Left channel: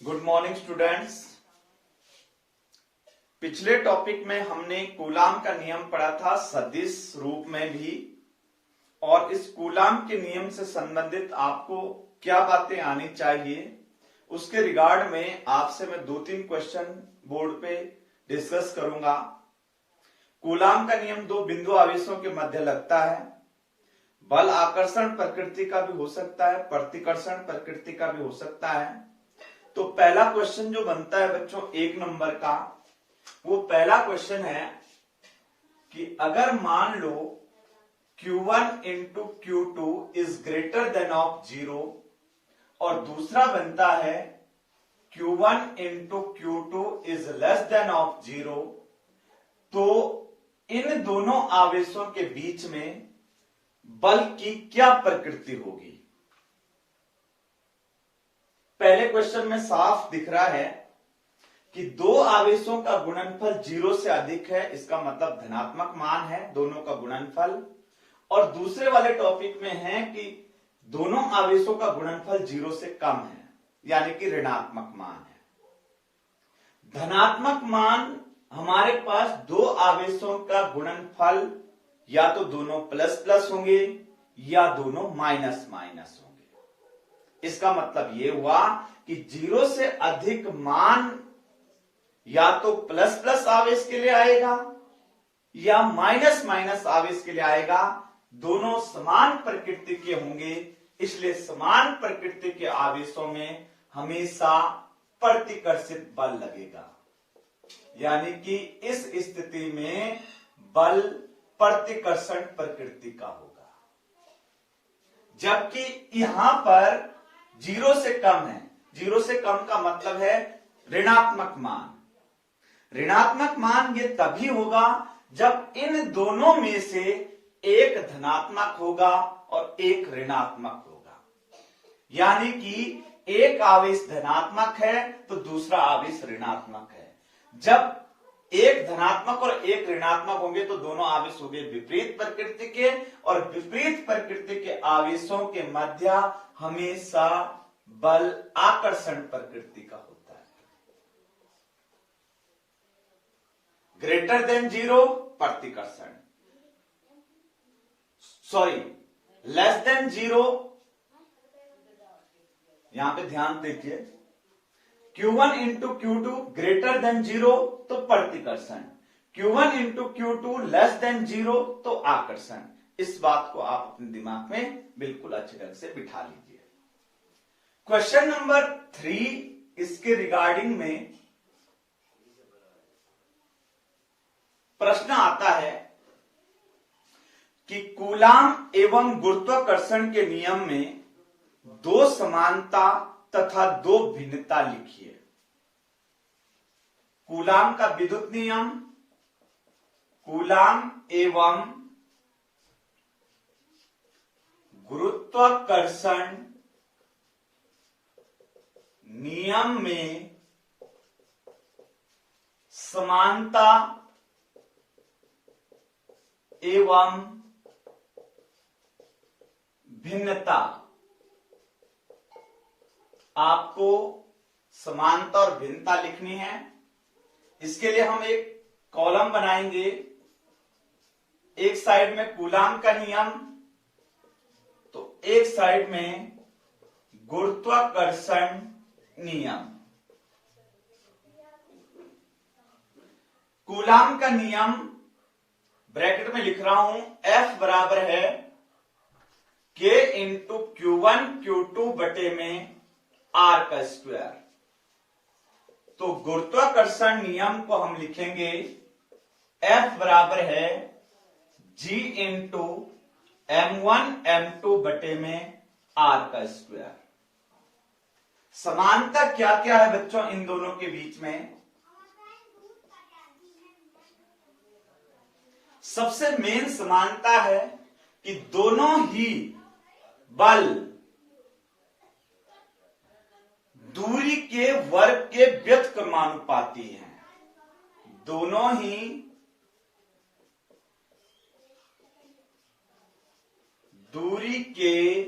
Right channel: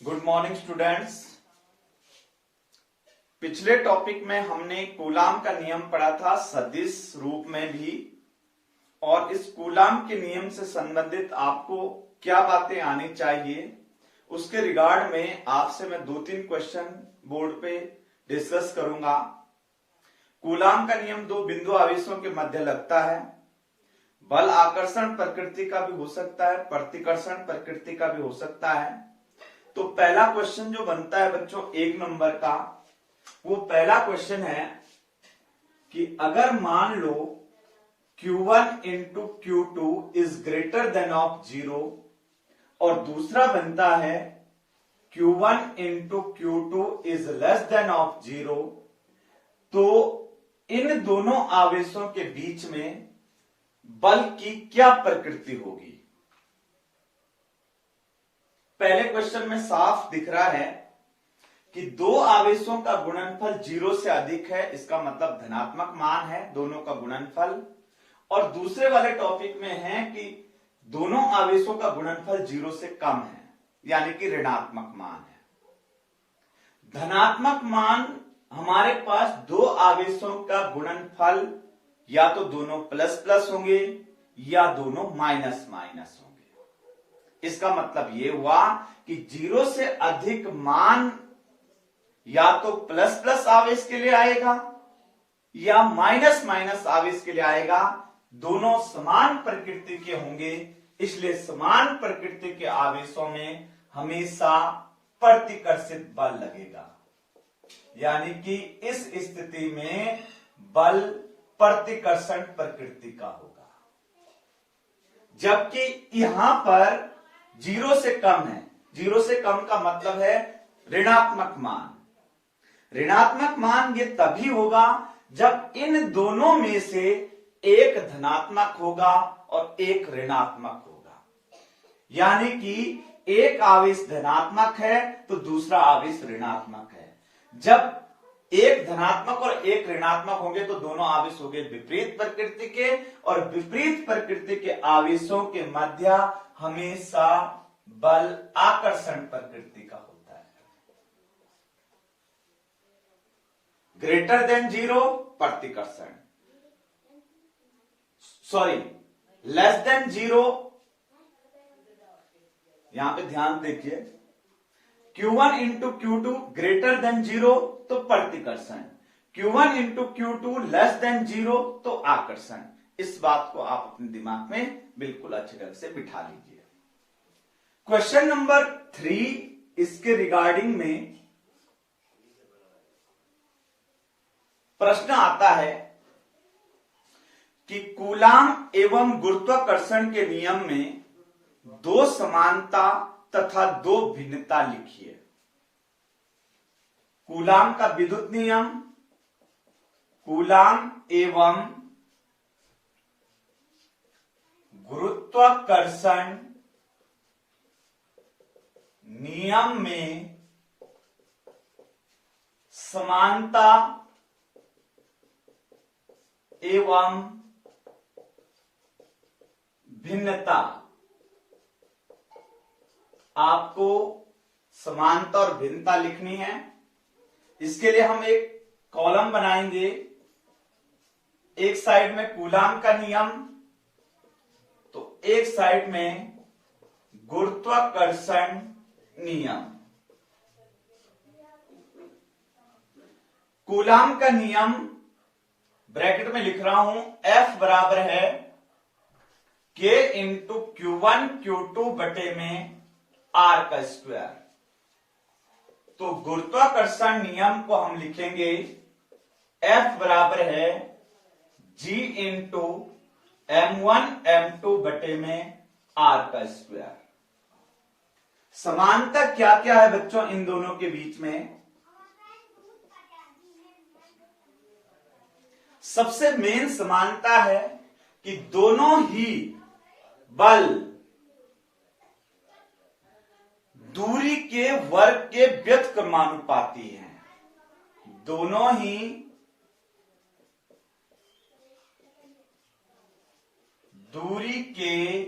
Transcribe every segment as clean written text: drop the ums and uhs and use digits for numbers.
Good morning students. पिछले topic में हमने कूलाम का नियम पढ़ा था सदिश रूप में भी, और इस कूलाम के नियम से संबंधित आपको क्या बातें आनी चाहिए उसके रिगार्ड में आपसे मैं 2-3 क्वेश्चन बोर्ड पे डिस्कस करूंगा। कूलाम का नियम दो बिंदु आवेशों के मध्य लगता है। बल आकर्षण प्रकृति का भी हो सकता है, प्रतिकर्षण प्रकृति का भी हो सकता है। तो पहला क्वेश्चन जो बनता है बच्चों 1 नंबर का, वो पहला क्वेश्चन है कि अगर मान लो Q1 into Q2 is greater than of 0, और दूसरा बनता है Q1 into Q2 is less than of 0, तो इन दोनों आवेशों के बीच में बल की क्या प्रकृति होगी। पहले क्वेश्चन में साफ दिख रहा है कि दो आवेशों का गुणनफल 0 से अधिक है, इसका मतलब धनात्मक मान है दोनों का गुणनफल। और दूसरे वाले टॉपिक में है कि दोनों आवेशों का गुणनफल 0 से कम है, यानी कि ऋणात्मक मान है। धनात्मक मान हमारे पास दो आवेशों का गुणनफल या तो दोनों प्लस प्लस होंगे या दोनों माइनस माइनस होंगे। इसका मतलब यह हुआ कि 0 से अधिक मान या तो प्लस प्लस आवेश के लिए आएगा या माइनस माइनस आवेश के लिए आएगा। दोनों समान प्रकृति के होंगे, इसलिए समान प्रकृति के आवेशों में हमेशा प्रतिकर्षित बल लगेगा, यानी कि इस स्थिति में बल प्रतिकर्षण प्रकृति का होगा। जबकि यहां पर 0 से कम है। 0 से कम का मतलब है ऋणात्मक मान। ऋणात्मक मान ये तभी होगा जब इन दोनों में से एक धनात्मक होगा और एक ऋणात्मक होगा, यानी कि एक आवेश धनात्मक है तो दूसरा आवेश ऋणात्मक है। जब एक धनात्मक और एक ऋणात्मक होंगे तो दोनों आवेश होंगे विपरीत प्रकृति के, और विपरीत प्रकृति के आवेशों के मध्य हमेशा बल आकर्षण प्रकृति का होता है। ग्रेटर देन 0 प्रतिकर्षण, सॉरी लेस देन 0, यहां पे ध्यान देखिए, Q1 into Q2 greater than 0 तो प्रतिकर्षण, Q1 into Q2 less than 0 तो आकर्षण। इस बात को आप अपने दिमाग में बिल्कुल अच्छे ढंग से बिठा लीजिए। क्वेश्चन नंबर 3 इसके रिगार्डिंग में प्रश्न आता है कि कूलाम एवं गुरुत्वाकर्षण के नियम में दो समानता तथा दो भिन्नता लिखिए। कूलाम का विद्युत नियम, कूलाम एवं गुरुत्वाकर्षण नियम में समानता एवं भिन्नता। आपको समानता और भिन्नता लिखनी है। इसके लिए हम एक कॉलम बनाएंगे, एक साइड में कूलाम का नियम तो एक साइड में गुरुत्वाकर्षण नियम। कूलाम का नियम ब्रैकेट में लिख रहा हूं, F बराबर है K इंटू Q1 Q2 बटे में R का स्क्वायर। तो गुरुत्वाकर्षण नियम को हम लिखेंगे F बराबर है G इंटू M1 M2 बटे में R का स्क्वायर। समानता क्या क्या है बच्चों इन दोनों के बीच में? सबसे मेन समानता है कि दोनों ही बल दूरी के वर्ग के व्युत्क्रमानुपाती हैं। दोनों ही दूरी के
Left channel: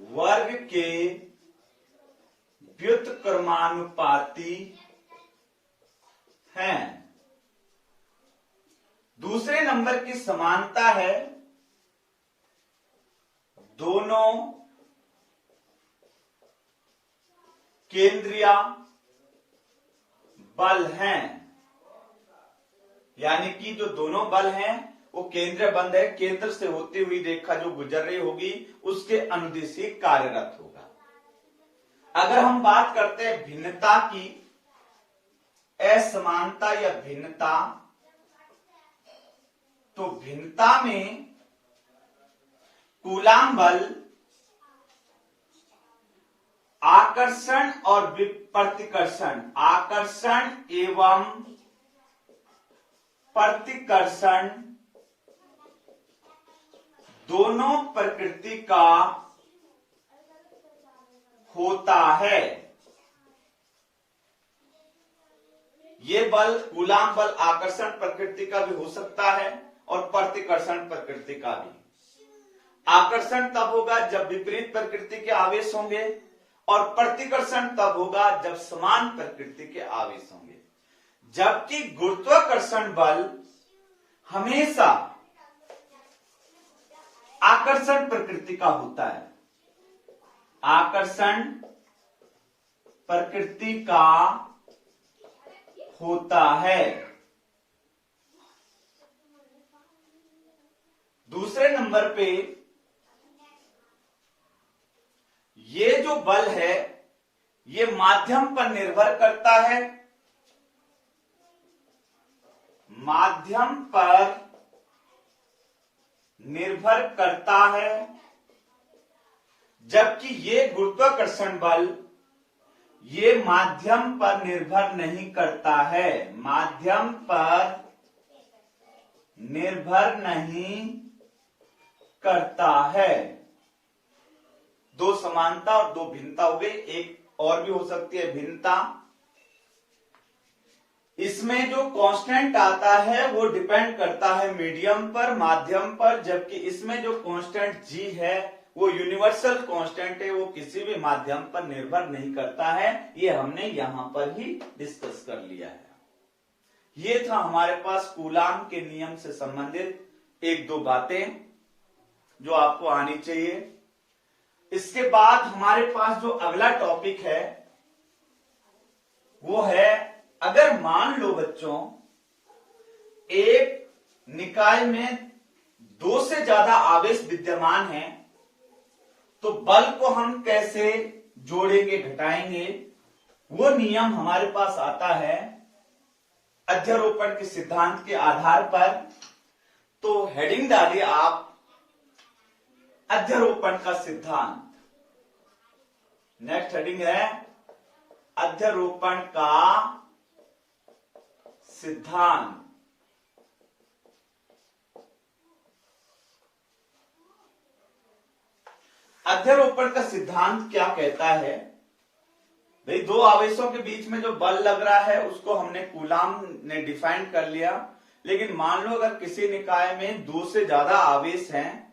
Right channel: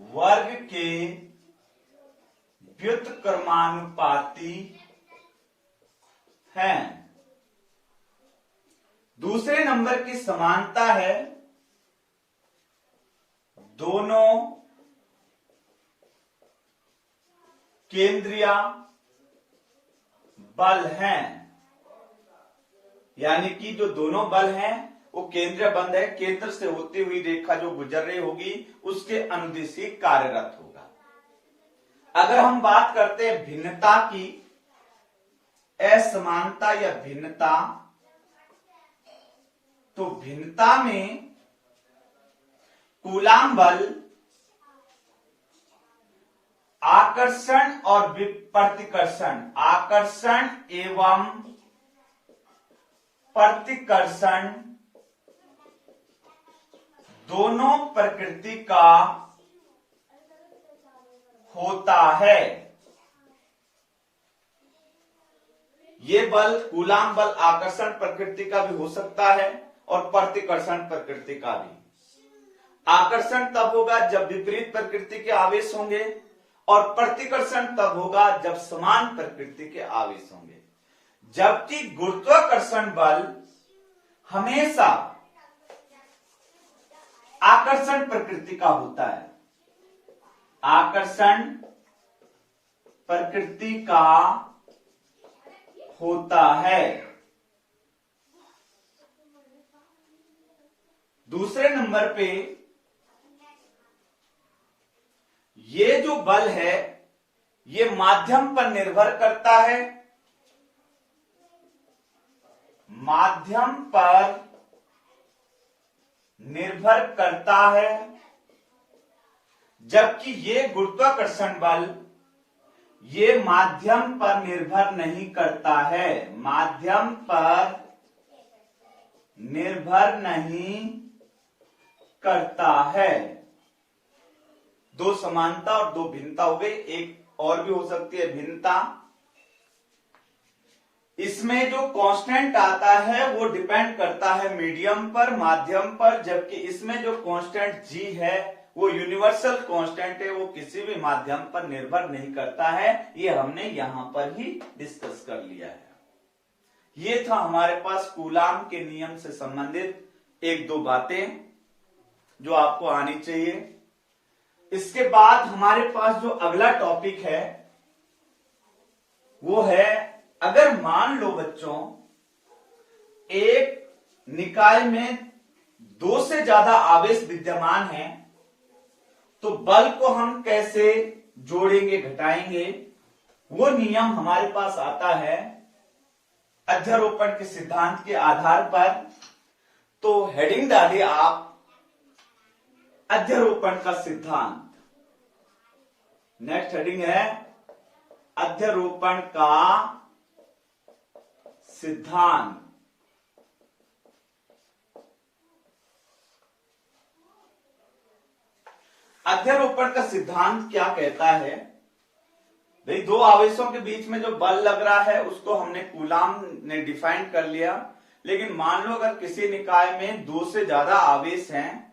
वर्ग के व्युत्क्रमानुपाती हैं। दूसरे नंबर की समानता है दोनों केंद्रीय बल हैं, यानी कि जो दोनों बल हैं वो केंद्रीय बंद है, केंद्र से होती हुई रेखा जो गुजर रही होगी उसके अनुदिश ही कार्यरत होगा। अगर हम बात करते हैं भिन्नता की, असमानता या भिन्नता, तो भिन्नता में कूलाम बल आकर्षण और प्रतिकर्षण, आकर्षण एवं प्रतिकर्षण दोनों प्रकृति का होता है। ये बल कूलाम बल आकर्षण प्रकृति का भी हो सकता है और प्रतिकर्षण प्रकृति का भी। आकर्षण तब होगा जब विपरीत प्रकृति के आवेश होंगे और प्रतिकर्षण तब होगा जब समान प्रकृति के आवेश होंगे। जबकि गुरुत्वाकर्षण बल हमेशा आकर्षण प्रकृति का होता है, आकर्षण प्रकृति का होता है। दूसरे नंबर पे ये जो बल है ये माध्यम पर निर्भर करता है, माध्यम पर निर्भर करता है, जबकि ये गुरुत्वाकर्षण बल ये माध्यम पर निर्भर नहीं करता है, माध्यम पर निर्भर नहीं करता है। दो समानता और दो भिन्नता हो गई। एक और भी हो सकती है भिन्नता, इसमें जो कांस्टेंट आता है वो डिपेंड करता है मीडियम पर, माध्यम पर, जबकि इसमें जो कांस्टेंट जी है वो यूनिवर्सल कांस्टेंट है, वो किसी भी माध्यम पर निर्भर नहीं करता है। ये हमने यहां पर ही डिस्कस कर लिया है। ये था हमारे पास कूलाम के नियम से संबंधित एक दो बातें जो आपको आनी चाहिए। इसके बाद हमारे पास जो अगला टॉपिक है वो है, अगर मान लो बच्चों एक निकाय में दो से ज्यादा आवेश विद्यमान है तो बल को हम कैसे जोड़ेंगे घटाएंगे, वो नियम हमारे पास आता है अध्यारोपण के सिद्धांत के आधार पर। तो हेडिंग डालिए आप अध्यारोपण का सिद्धांत। नेक्स्ट हेडिंग है अध्यारोपण का सिद्धांत। अध्यारोपण का सिद्धांत क्या कहता है? भाई दो आवेशों के बीच में जो बल लग रहा है उसको हमने कूलाम ने डिफाइन कर लिया, लेकिन मान लो अगर किसी निकाय में दो से ज्यादा आवेश हैं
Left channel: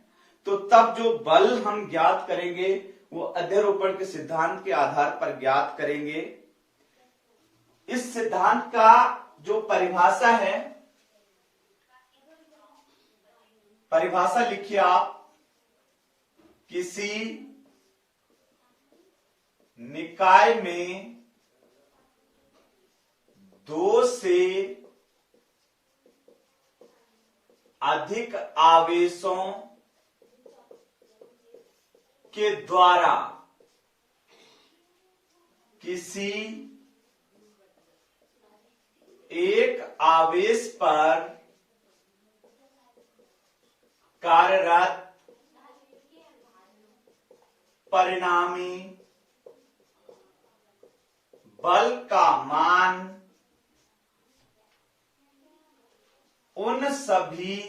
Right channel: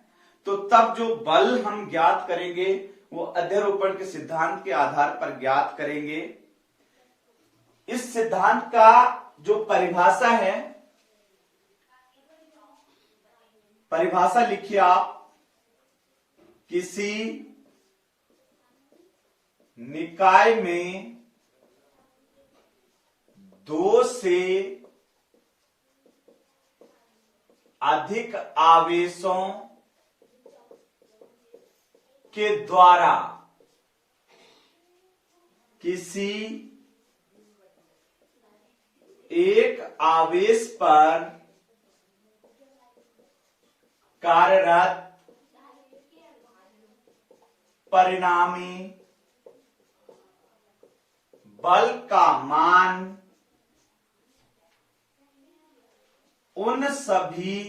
तो तब जो बल हम ज्ञात करेंगे वो अध्यारोपण के सिद्धांत के आधार पर ज्ञात करेंगे। इस सिद्धांत का जो परिभाषा है, परिभाषा लिखिए आप, किसी निकाय में दो से अधिक आवेशों के द्वारा किसी एक आवेश पर कार्यरत परिणामी बल का मान उन सभी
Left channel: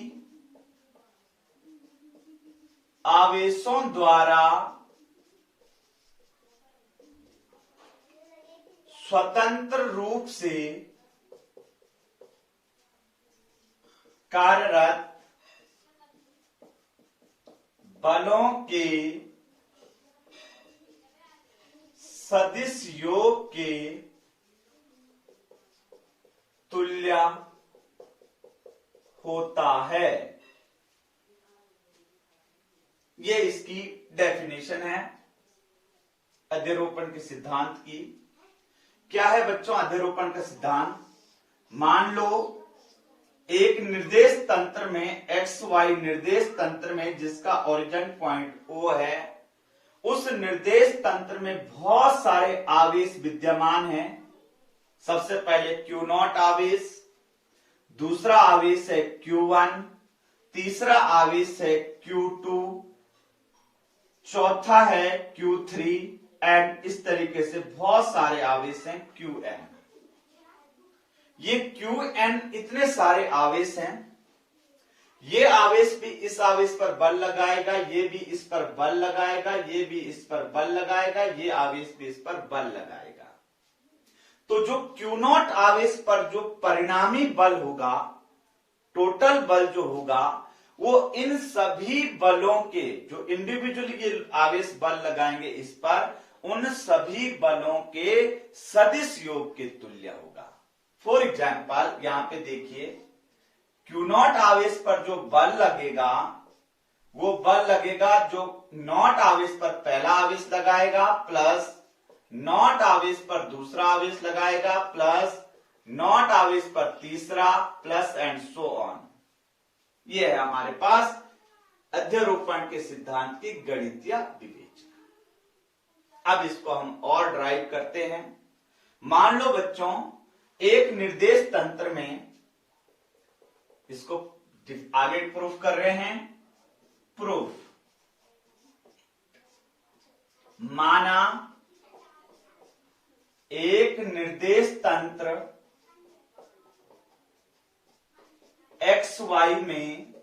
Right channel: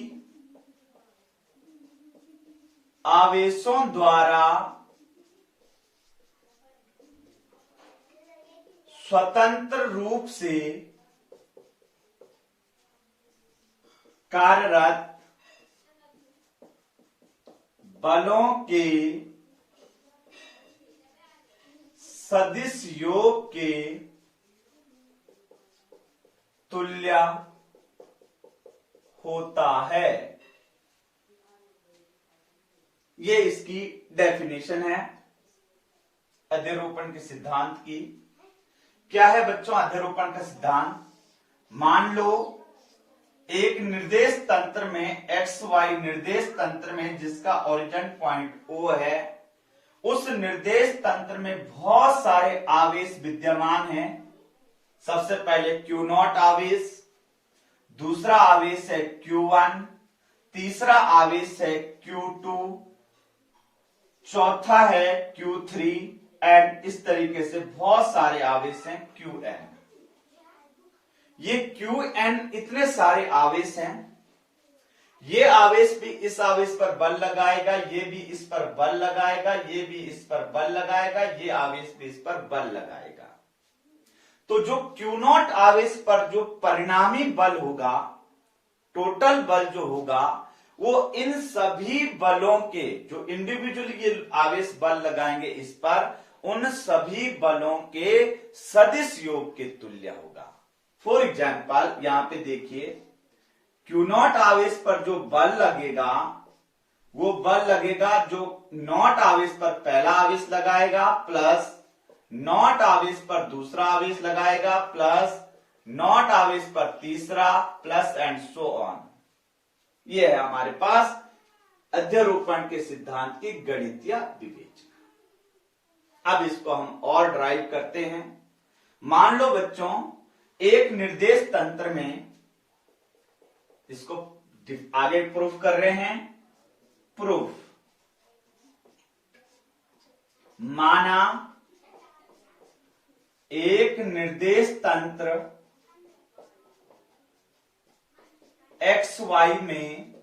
आवेशों द्वारा स्वतंत्र रूप से कार्यरत बलों के सदिश योग के तुल्य होता है। ये इसकी डेफिनेशन है अध्यारोपण के सिद्धांत की। क्या है बच्चों अध्यारोपण का सिद्धांत? मान लो एक निर्देश तंत्र में एक्स वाई निर्देश तंत्र में जिसका ओरिजिन पॉइंट O है, उस निर्देश तंत्र में बहुत सारे आवेश विद्यमान हैं। सबसे पहले Q0 आवेश, दूसरा आवेश है Q1, तीसरा आवेश है Q2, चौथा है Q3 एंड इस तरीके से बहुत सारे आवेश हैं Qn। ये Qn इतने सारे आवेश हैं। ये आवेश भी इस आवेश पर बल लगाएगा, ये भी इस पर बल लगाएगा, ये भी इस पर बल लगाएगा, ये आवेश भी इस पर बल लगाएगा। तो जो Q0 आवेश पर जो परिणामी बल होगा, टोटल बल जो होगा, वो इन सभी बलों के जो इंडिविजुअली ये आवेश बल लगाएंगे इस पर, उन सभी बलों के सदिश योग के तुल्य होगा। फॉर एग्जाम्पल यहां पे देखिए Q0 आवेश पर जो बल लगेगा वो बल लगेगा जो नॉट आवेश पर पहला आवेश लगाएगा प्लस नॉट आवेश पर दूसरा आवेश लगाएगा प्लस नॉट आवेश पर तीसरा प्लस एंड सो ऑन। ये है हमारे पास अध्यारोपण के सिद्धांत की गणितीय विवेचना। अब इसको हम और ड्राइव करते हैं। मान लो बच्चों एक निर्देश तंत्र में, इसको आगे प्रूफ कर रहे हैं, प्रूफ माना एक निर्देश तंत्र एक्स वाई में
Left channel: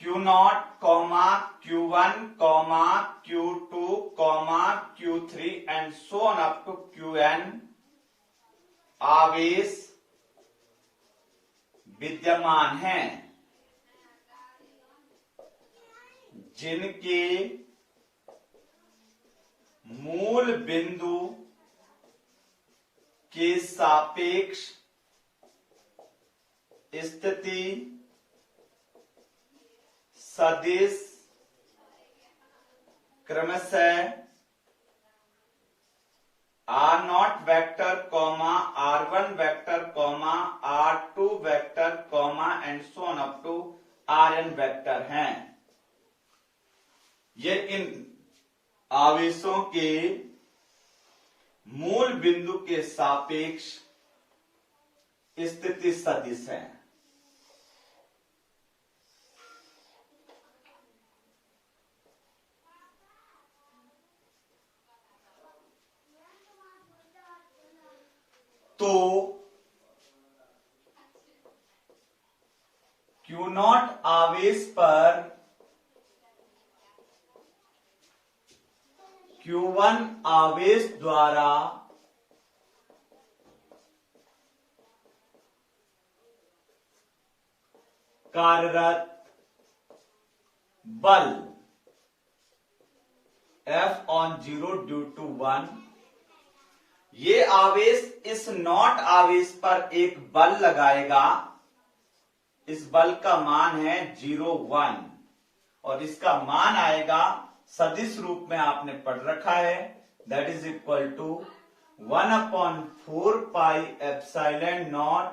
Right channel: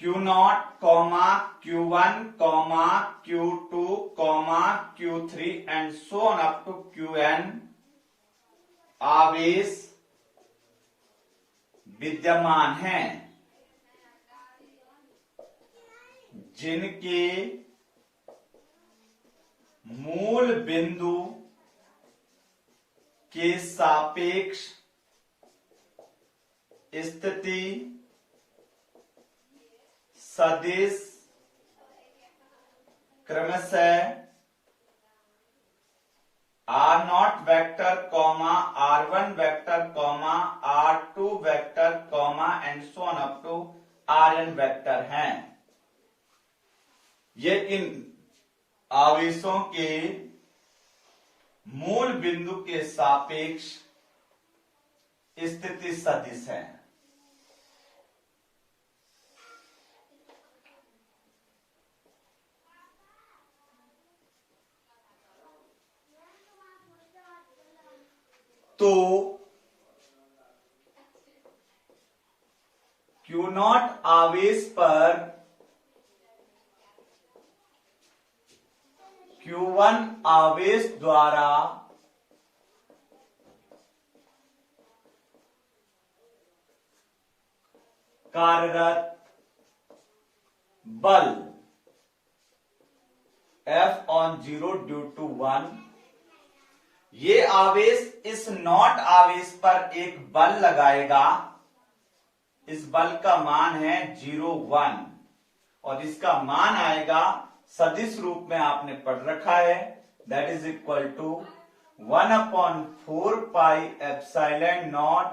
Q0, Q1, Q2, Q3 and so on up to Qn आवेश विद्यमान हैं, जिनके मूल बिंदु के सापेक्ष स्थिति सदिश क्रमशः R0 vector R1 vector R2 vector and so on up to Rn vector हैं। ये इन आवेशों के मूल बिंदु के सापेक्ष स्थिति सदिश है। तो Q0 आवेश पर Q1 आवेश द्वारा कार्यरत बल F/0 ड्यू टू 1, ये आवेश इस नॉट आवेश पर एक बल लगाएगा। इस बल का मान है 0,1 और इसका मान आएगा सदिश रूप में आपने पढ़ रखा है, that is equal to 1/4 pi epsilon naught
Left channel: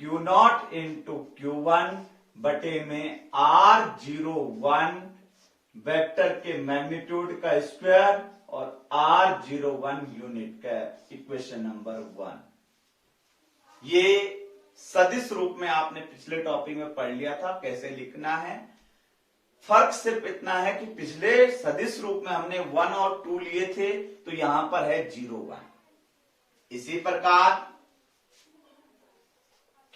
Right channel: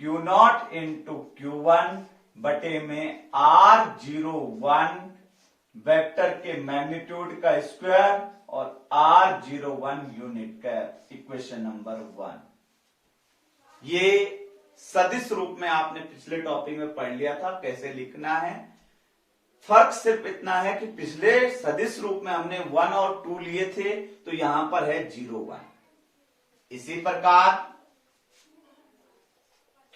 Q0 into Q1 बटे में R01 वेक्टर के मैग्नीट्यूड का स्क्वायर और R01 यूनिट का, इक्वेशन नंबर 1। ये सदिश रूप में आपने पिछले टॉपिक में पढ़ लिया था कैसे लिखना है। फर्क सिर्फ इतना है कि पिछले सदिश रूप में हमने 1 और 2 लिए थे, तो यहां पर है 0,1। इसी प्रकार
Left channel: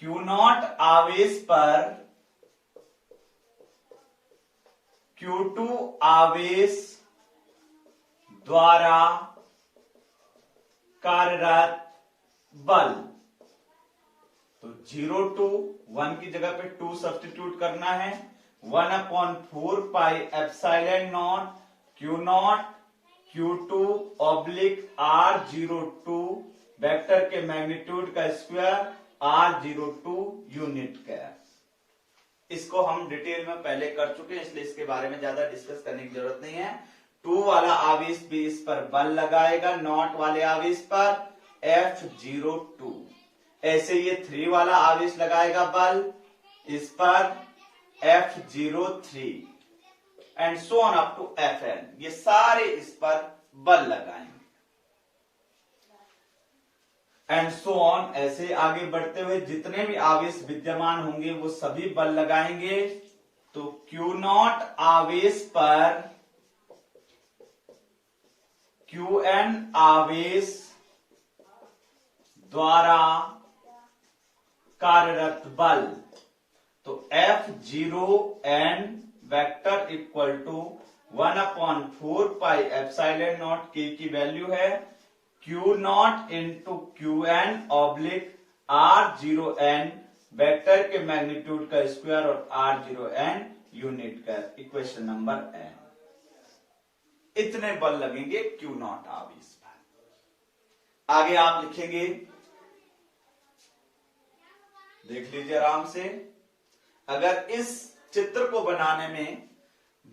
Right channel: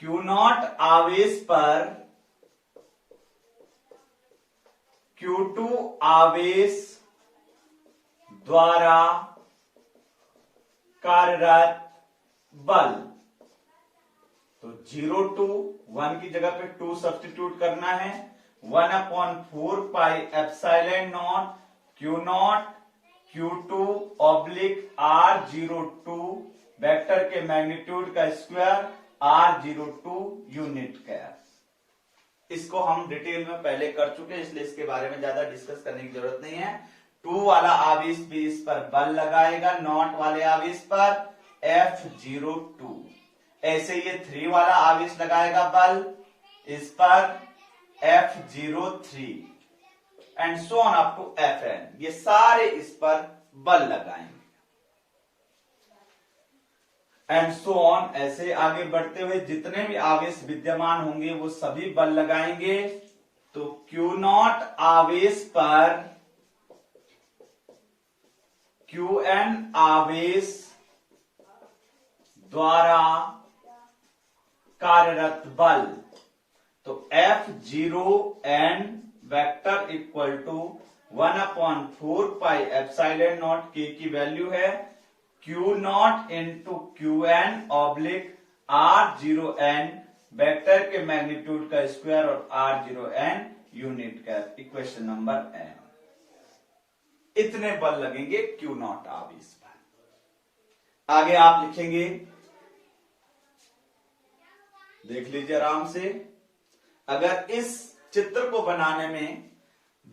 Q0 आवेश पर Q2 आवेश द्वारा कार्यरत बल, तो 0 to 1 की जगह पे 2 सब्स्टिट्यूट करना है। 1/4 pi epsilon naught Q0 Q2 oblique R02 vector के मैग्नीट्यूड का स्क्वायर R02 यूनिट का। इसको हम डिटेल में पहले कर चुके हैं, इसलिए इसके बारे में ज्यादा डिस्कस करने की जरूरत नहीं है। 2 वाला आवेश भी इस पर बल लगाएगा, नॉट वाले आवेश पर F02। ऐसे ये 3 वाला आवेश लगाएगा बल इस पर F03 and so on up to Fn। ये सारे इस पर बल लगाएंगे एंड सो ऑन। ऐसे आगे बढ़ते हुए जितने भी आवेश विद्यमान होंगे वो सभी बल लगाएंगे। तो Q0 आवेश पर Qn आवेश द्वारा कार्यरत बल, तो F0n vector equal to 1/4 pi epsilon naught k की वैल्यू है Q0 into Qn oblique R0n vector के मैग्नीट्यूड का स्क्वायर और R0n यूनिट का। Equation number n। इतने बल लगेंगे Q0 आवेश पर। आगे आप लिखेंगे, देख लीजिए आराम से। अगर इस चित्र को बनाने में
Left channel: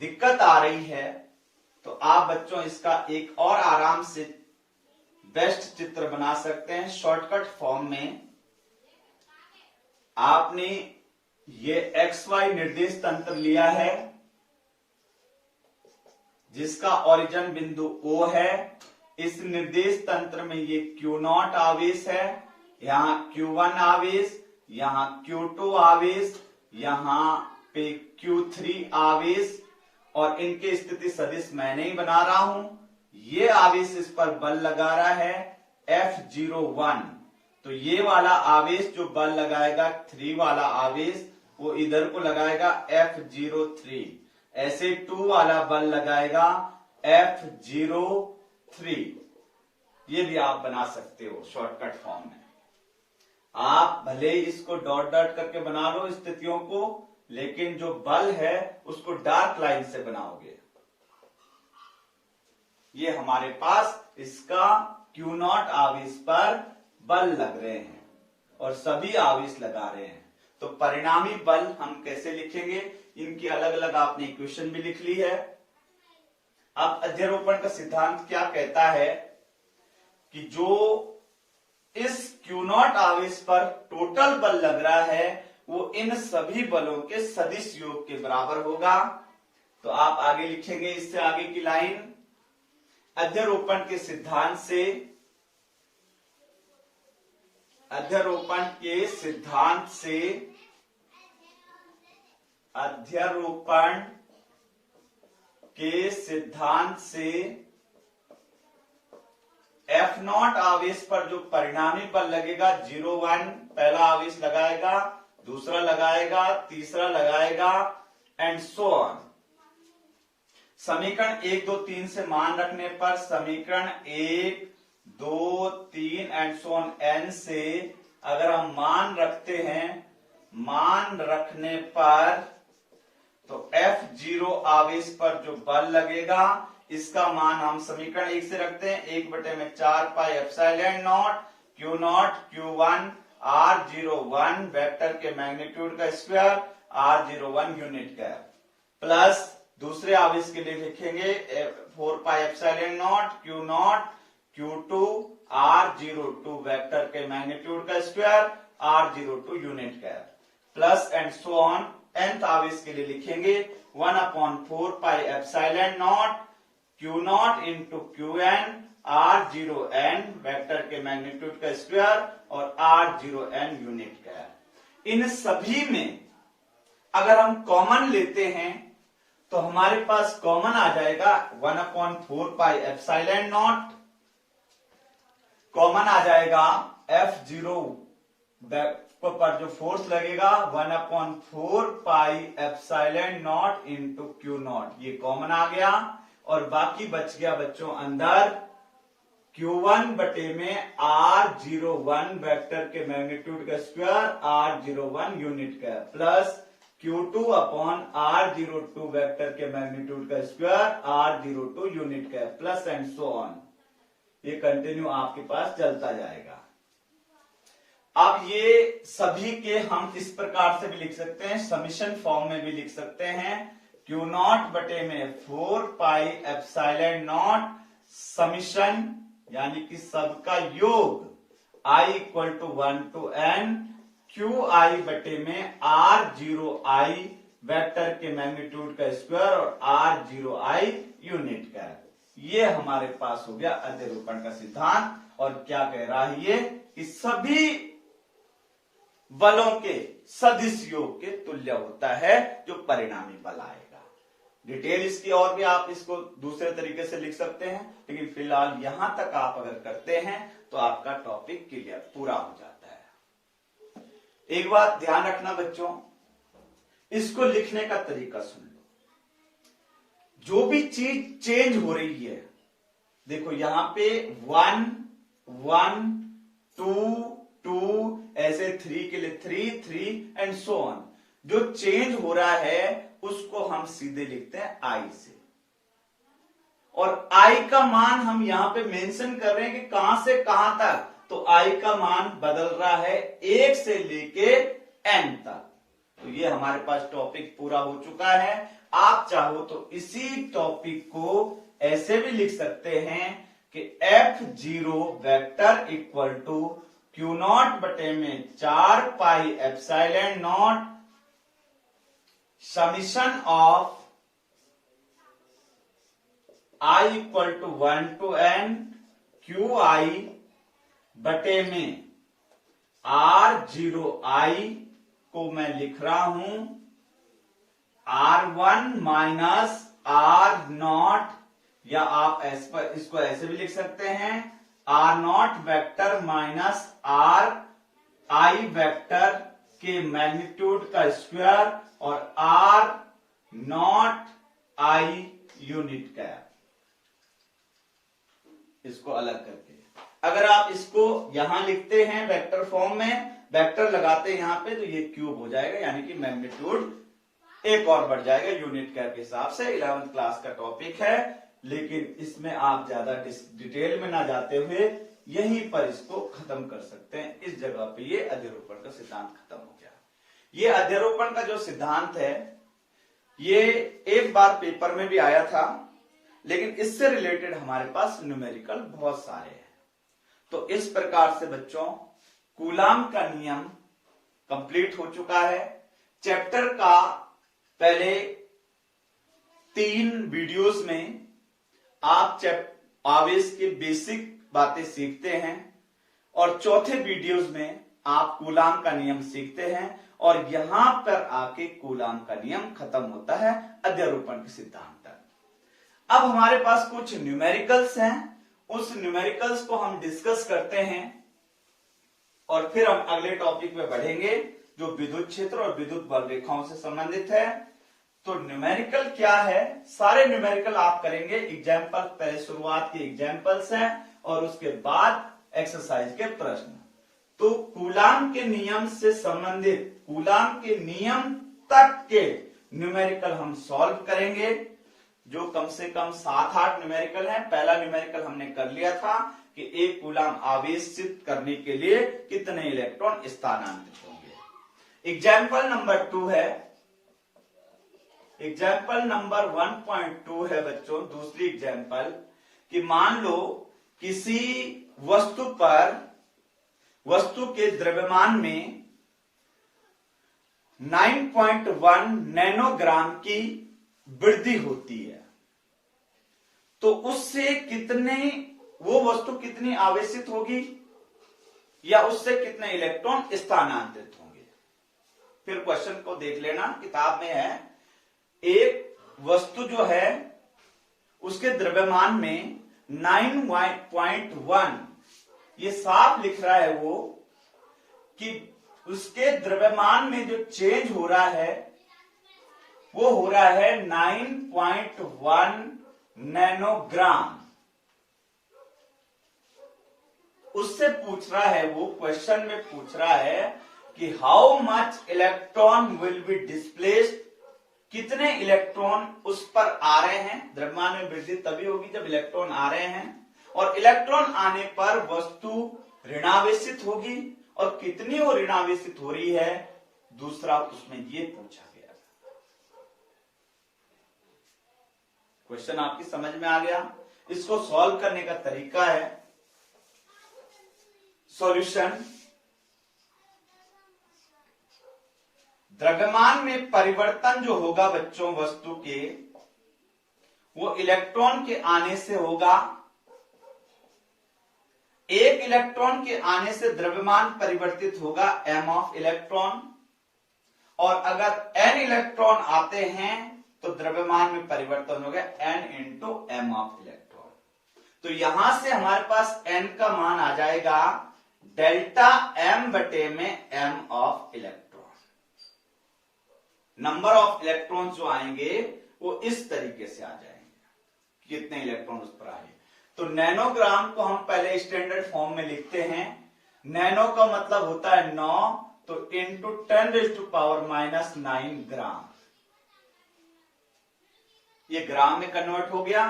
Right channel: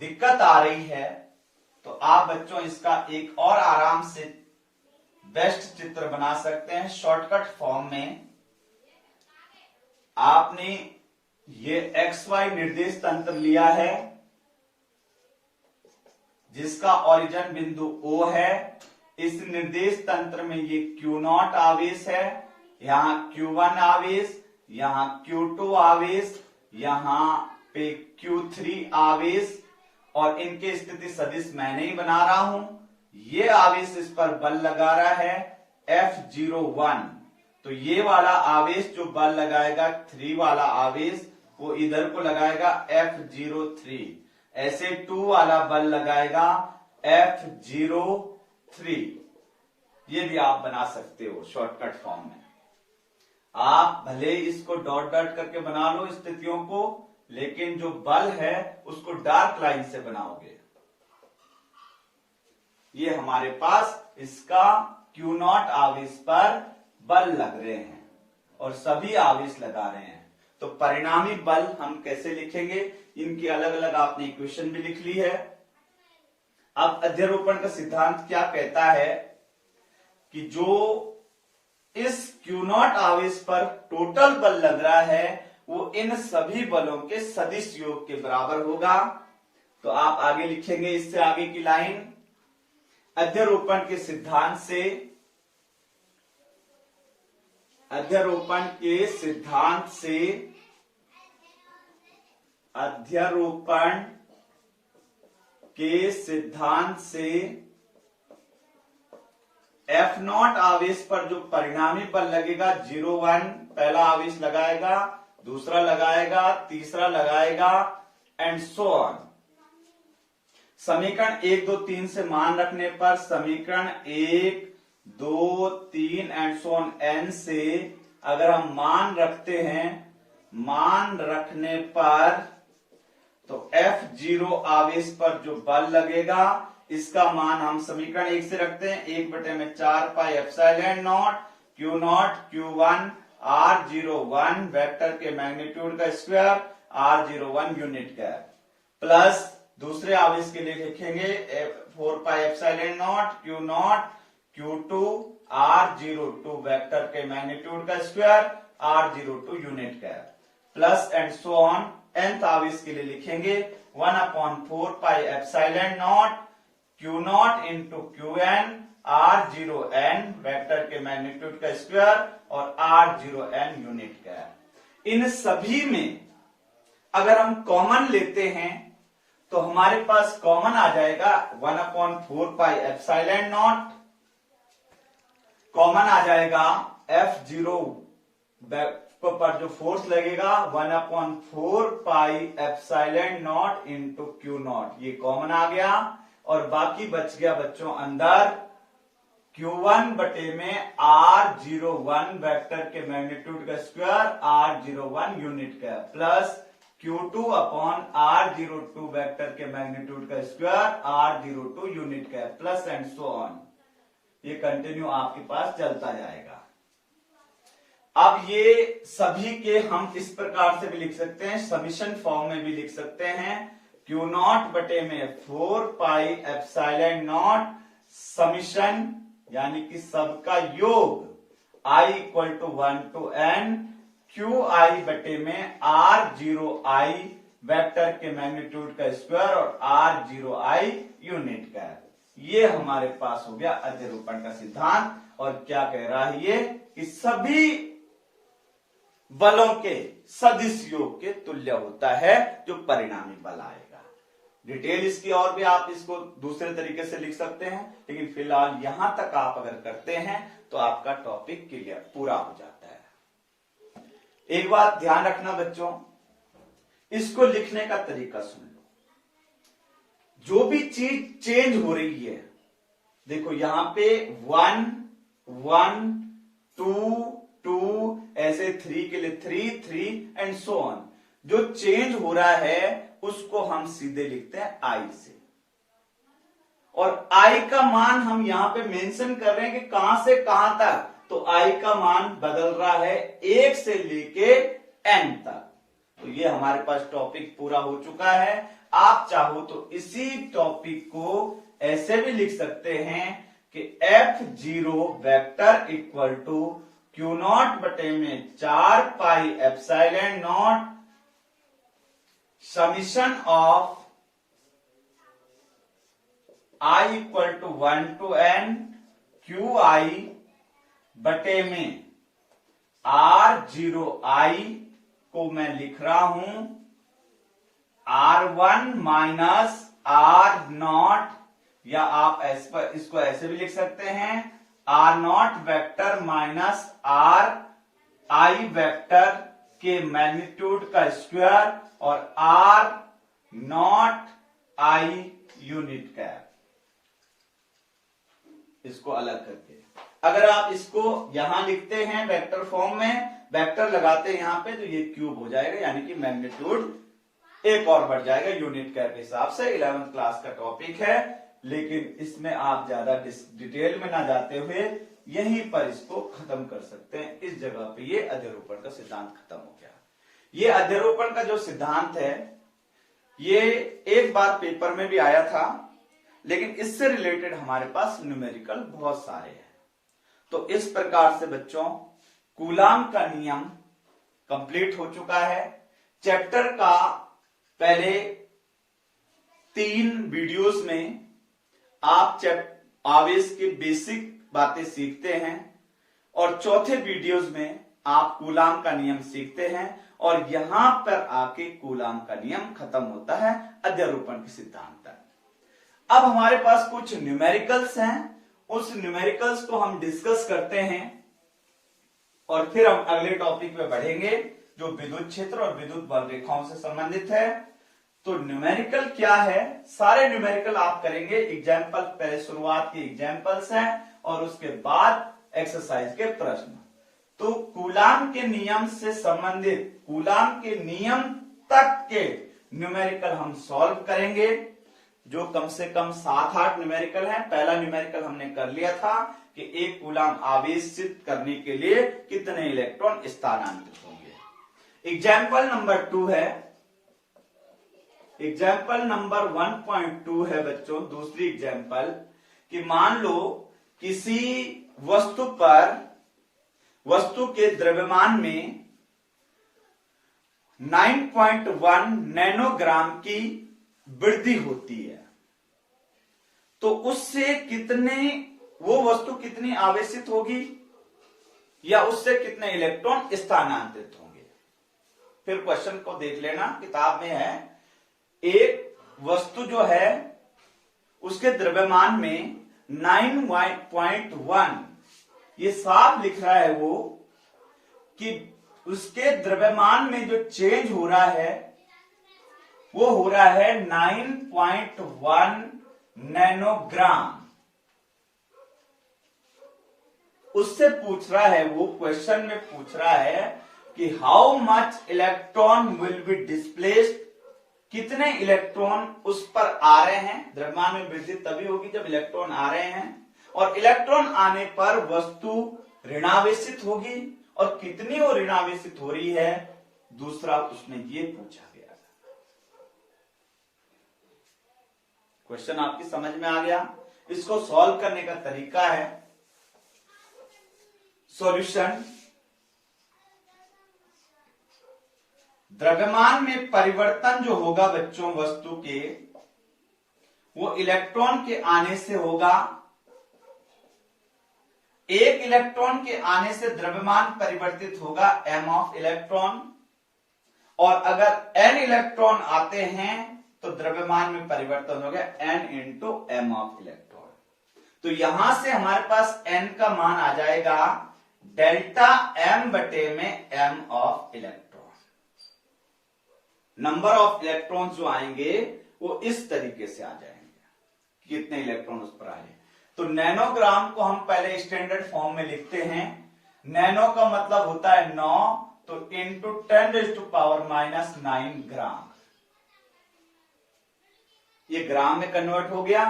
दिक्कत आ रही है तो आप बच्चों इसका एक और आराम से बेस्ट चित्र बना सकते हैं शॉर्टकट फॉर्म में। आपने ये XY निर्देश तंत्र लिया है जिसका ओरिजिन बिंदु O है। इस निर्देश तंत्र में ये Q0 आवेश है, यहां Q1 आवेश, यहां Q2 आवेश, यहां पे Q3 आवेश, और इनके स्थिति सदिश मैं नहीं बना रहा हूं। ये आवेश इस पर बल लगा रहा है F01। तो ये वाला आवेश जो बल लगाएगा 3 वाला आवेश वो इधर को लगाएगा F03। ऐसे 2 वाला बल लगाएगा F03। ये भी आप बना सकते हो शॉर्टकट फॉर्म में। आप भले इसको डॉट डॉट करके बना लो स्थितियों को, लेकिन जो बल है उसको डार्क लाइन से बनाओगे। ये हमारे पास इसका Q0 आवेश पर बल लग रहे हैं और सभी आवेश लगा रहे हैं। तो परिणामी बल हम कैसे लिखेंगे, इनकी अलग अलग आपने इक्वेशन भी लिख ली है। अब अध्यारोपण का सिद्धांत क्या कहता है कि जो इस Q0 आवेश पर टोटल बल लग रहा है वो इन सभी बलों के सदिश योग के बराबर होगा। तो आप आगे लिखेंगे इससे आगे की लाइन, अध्यारोपण के सिद्धांत से, अध्यारोपण के सिद्धांत से, अध्यारोपण के सिद्धांत से F0 आवेश पर जो परिणामी बल लगेगा 0-1 पहला आवेश लगाएगा, दूसरा लगाएगा, तीसरा लगाएगा एंड सो ऑन। समीकरण 1, 2, 3 से मान रखने पर समीकरण 1, 2, 3 एंड सो ऑन n से अगर हम मान रखते हैं, मान रखने पर तो F0 आवेश पर जो बल लगेगा इसका मान हम समीकरण 1 से रखते हैं 1/4 pi epsilon naught Q0 Q1 R01 vector के मैग्नीट्यूड का स्क्वायर R01 यूनिट का, प्लस दूसरे आवेश के लिए लिखेंगे 4 pi epsilon naught Q0 Q2 R02 vector के मैग्नीट्यूड का स्क्वायर R02 यूनिट का, plus and so on. nth आवेश के लिए लिखेंगे 1/4 pi epsilon naught Q0 into Qn R0n vector के मैग्नीट्यूड का स्क्वायर और R0n यूनिट का। इन सभी में अगर हम कॉमन लेते हैं तो हमारे पास कॉमन आ जाएगा 1/4 पाई एप्सिलॉन नॉट, कॉमन आ जाएगा F0 पर जो फोर्स लगेगा 1/4 pi epsilon not into Q0, ये कॉमन आ गया और बाकी बच गया बच्चों अंदर Q1 बटे में R01 वेक्टर के मैग्नीट्यूड का स्क्वायर R01 यूनिट का, plus Q2 upon R02 vector के मैग्नीट्यूड का स्क्वायर R02 यूनिट का प्लस एंड सो ऑन। ये कंटिन्यू आपके पास चलता जाएगा। अब ये सभी के हम इस प्रकार से भी लिख सकते हैं, समीशन फॉर्म में भी लिख सकते हैं। Q0 बटे में 4 पाई एप्सिलॉन नॉट समीशन यानी कि सबका योग I equal to 1 to n QI बटे में R0I वेक्टर के मैग्नीट्यूड का स्क्वायर और R0I यूनिट का। ये हमारे पास हो गया अध्यारोपण का सिद्धांत। और क्या कह रहा है ये कि सभी बलों के सदिश योग के तुल्य होता है जो परिणामी बल आएगा। डिटेल इसकी और भी आप इसको दूसरे तरीके से लिख सकते हैं, लेकिन फिलहाल यहां तक आप अगर करते हैं तो आपका टॉपिक क्लियर पूरा हो जाता है। एक बात ध्यान रखना बच्चों, इसको लिखने का तरीका सुन लो। जो भी चीज चेंज हो रही है, देखो यहां पे 1 1 2 2 ऐसे 3 के लिए 3 3 एंड सो ऑन। जो चेंज हो रहा है उसको हम सीधे लिखते हैं आई से, और आई का मान हम यहां पे मेंशन कर रहे हैं कि कहां से कहां तक। तो आई का मान बदल रहा है 1 से लेके n तक। तो ये हमारे पास टॉपिक पूरा हो चुका है। आप चाहो तो इसी टॉपिक को ऐसे भी लिख सकते हैं कि F0 vector equal to Q0 बटे में 4 pi epsilon naught summation of I equal to 1 to n QI बटे में R0I को मैं लिख रहा हूं R1 माइनस R0, या आप इसको ऐसे भी लिख सकते हैं R0 vector minus RI vector के मैग्नीट्यूड का स्क्वायर और R0I यूनिट का। इसको अलग करके अगर आप इसको यहां लिखते हैं वेक्टर फॉर्म में, वेक्टर लगाते हैं यहां पे, तो ये क्यूब हो जाएगा, यानी कि मैग्नीट्यूड एक और बढ़ जाएगा यूनिट कैप के हिसाब से। 11th क्लास का टॉपिक है, लेकिन इसमें आप ज्यादा डिटेल में ना जाते हुए यहीं पर इसको खत्म कर सकते हैं। इस जगह पे ये अध्यारोपण का सिद्धांत खत्म हो गया। ये अध्यारोपण का जो सिद्धांत है ये एक बार पेपर में भी आया था, लेकिन इससे रिलेटेड हमारे पास न्यूमेरिकल बहुत सारे हैं। तो इस प्रकार से बच्चों कूलाम का नियम कंप्लीट हो चुका है। चैप्टर का पहले 3 वीडियोस में आप आवेश की बेसिक बातें सीखते हैं, और चौथे वीडियोस में आप कूलाम का नियम सीखते हैं, और यहां पर आके कूलाम का नियम खत्म होता है अध्यारोपण के सिद्धांत तक। अब हमारे पास कुछ न्यूमेरिकल्स हैं, उस न्यूमेरिकल्स को हम डिस्कस करते हैं, और फिर हम अगले टॉपिक में बढ़ेंगे जो विद्युत क्षेत्र और विद्युत बल रेखाओं से संबंधित है। तो न्यूमेरिकल क्या है, सारे न्यूमेरिकल आप करेंगे। एग्जाम्पल पहले शुरुआत के एग्जाम्पल्स हैं और उसके बाद एक्सरसाइज के प्रश्न। तो कूलाम के नियम से संबंधित कूलाम के नियम तक के न्यूमेरिकल हम सॉल्व करेंगे, जो कम से कम 7-8 न्यूमेरिकल हैं। पहला न्यूमेरिकल हमने कर लिया था कि एक कूलाम आवेशित करने के लिए कितने इलेक्ट्रॉन स्थानांतरित होंगे। एग्जाम्पल नंबर 2 है, एग्जाम्पल नंबर 1.2 है बच्चों। दूसरी एग्जाम्पल कि मान लो किसी वस्तु पर वस्तु के द्रव्यमान में 9.1 नैनोग्राम की वृद्धि होती है, तो उससे कितने वो वस्तु कितनी आवेशित होगी या उससे कितने इलेक्ट्रॉन स्थानांतरित होंगे। फिर क्वेश्चन को देख लेना, किताब में है। एक वस्तु जो है उसके द्रव्यमान में 9.1, ये साफ लिख रहा है वो कि उसके द्रव्यमान में जो चेंज हो रहा है वो हो रहा है 9.1 नैनोग्राम। उससे पूछ रहा है वो, क्वेश्चन में पूछ रहा है कि how much electron will be displaced, कितने इलेक्ट्रॉन उस पर आ रहे हैं। द्रव्यमान में वृद्धि तभी होगी जब इलेक्ट्रॉन आ रहे हैं, और इलेक्ट्रॉन आने पर वस्तु ऋणावेशित होगी, और कितनी वो ऋणावेशित हो रही है दूसरा उसमें ये पूछा गया। क्वेश्चन आपकी समझ में आ गया। इसको सॉल्व करने का तरीका है, सॉल्यूशन, द्रव्यमान में परिवर्तन जो होगा बच्चों वस्तु के, वो इलेक्ट्रॉन के आने से होगा। एक इलेक्ट्रॉन के आने से द्रव्यमान परिवर्तित होगा m ऑफ इलेक्ट्रॉन, और अगर n इलेक्ट्रॉन आते हैं तो द्रव्यमान में परिवर्तन होगा n into m of electron. तो यहां से हमारे पास n का मान आ जाएगा डेल्टा m बटे में m of electron. Number of electron जो आएंगे वो इस तरीके से आ जाएंगे, कितने इलेक्ट्रॉन उस पर आए। तो नैनोग्राम को हम पहले स्टैंडर्ड फॉर्म में लिखते हैं। नैनो का मतलब होता है 9, तो इंटू 10⁻⁻9 ग्राम, ये ग्राम में कन्वर्ट हो गया।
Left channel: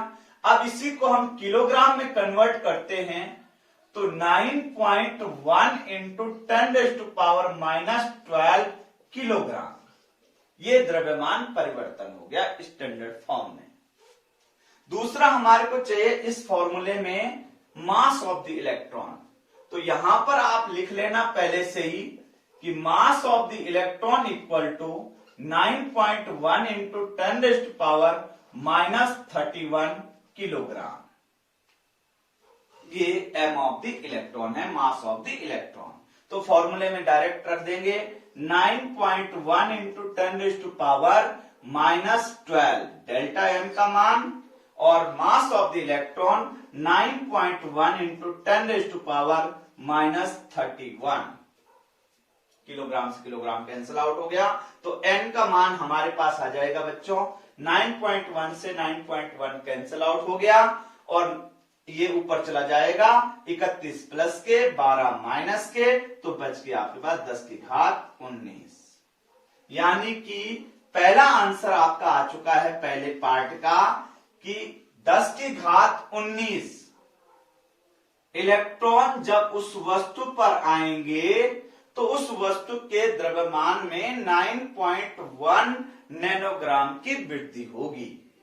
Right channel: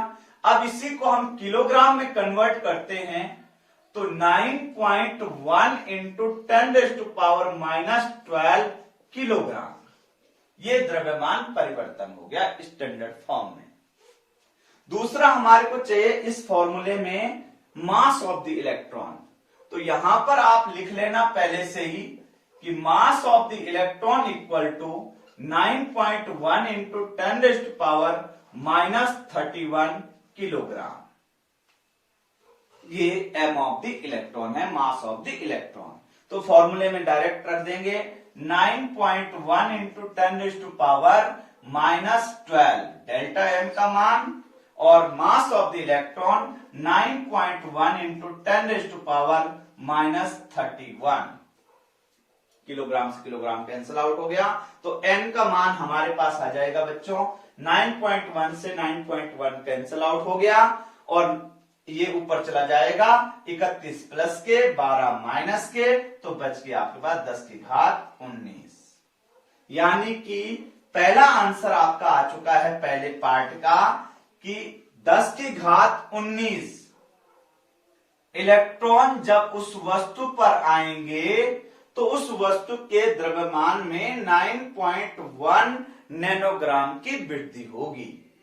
अब इसी को हम किलोग्राम में कन्वर्ट करते हैं, तो 9.1 इंटू 10⁻⁻12 किलोग्राम, ये द्रव्यमान परिवर्तन हो गया स्टैंडर्ड फॉर्म में। दूसरा हमारे को चाहिए इस फॉर्मूले में मास ऑफ द इलेक्ट्रॉन। तो यहां पर आप लिख लेना पहले से ही कि mass of the electron equal to 9.1 into 10⁻31 kilogram, ये m ऑफ द इलेक्ट्रॉन है, मास ऑफ द इलेक्ट्रॉन। तो फॉर्मूले में डायरेक्ट रख देंगे 9.1 इंटू 10⁻12 डेल्टा m का मान, और मास of the electron 9.1 into 10⁻31 kilogram से किलोग्राम कैंसिल आउट हो गया। तो n का मान हमारे पास आ जाएगा बच्चों 9.1 से 9.1 कैंसिल आउट हो गया, और ये ऊपर चला जाएगा 31 प्लस के 12 माइनस के, तो बच गया आपके पास 10⁻19। यानी कि पहला आंसर आपका आ चुका है पहले पार्ट का कि 10⁻19 इलेक्ट्रॉन जब उस वस्तु पर आएंगे तो उस वस्तु के द्रव्यमान में 9.1 नैनोग्राम की वृद्धि होगी।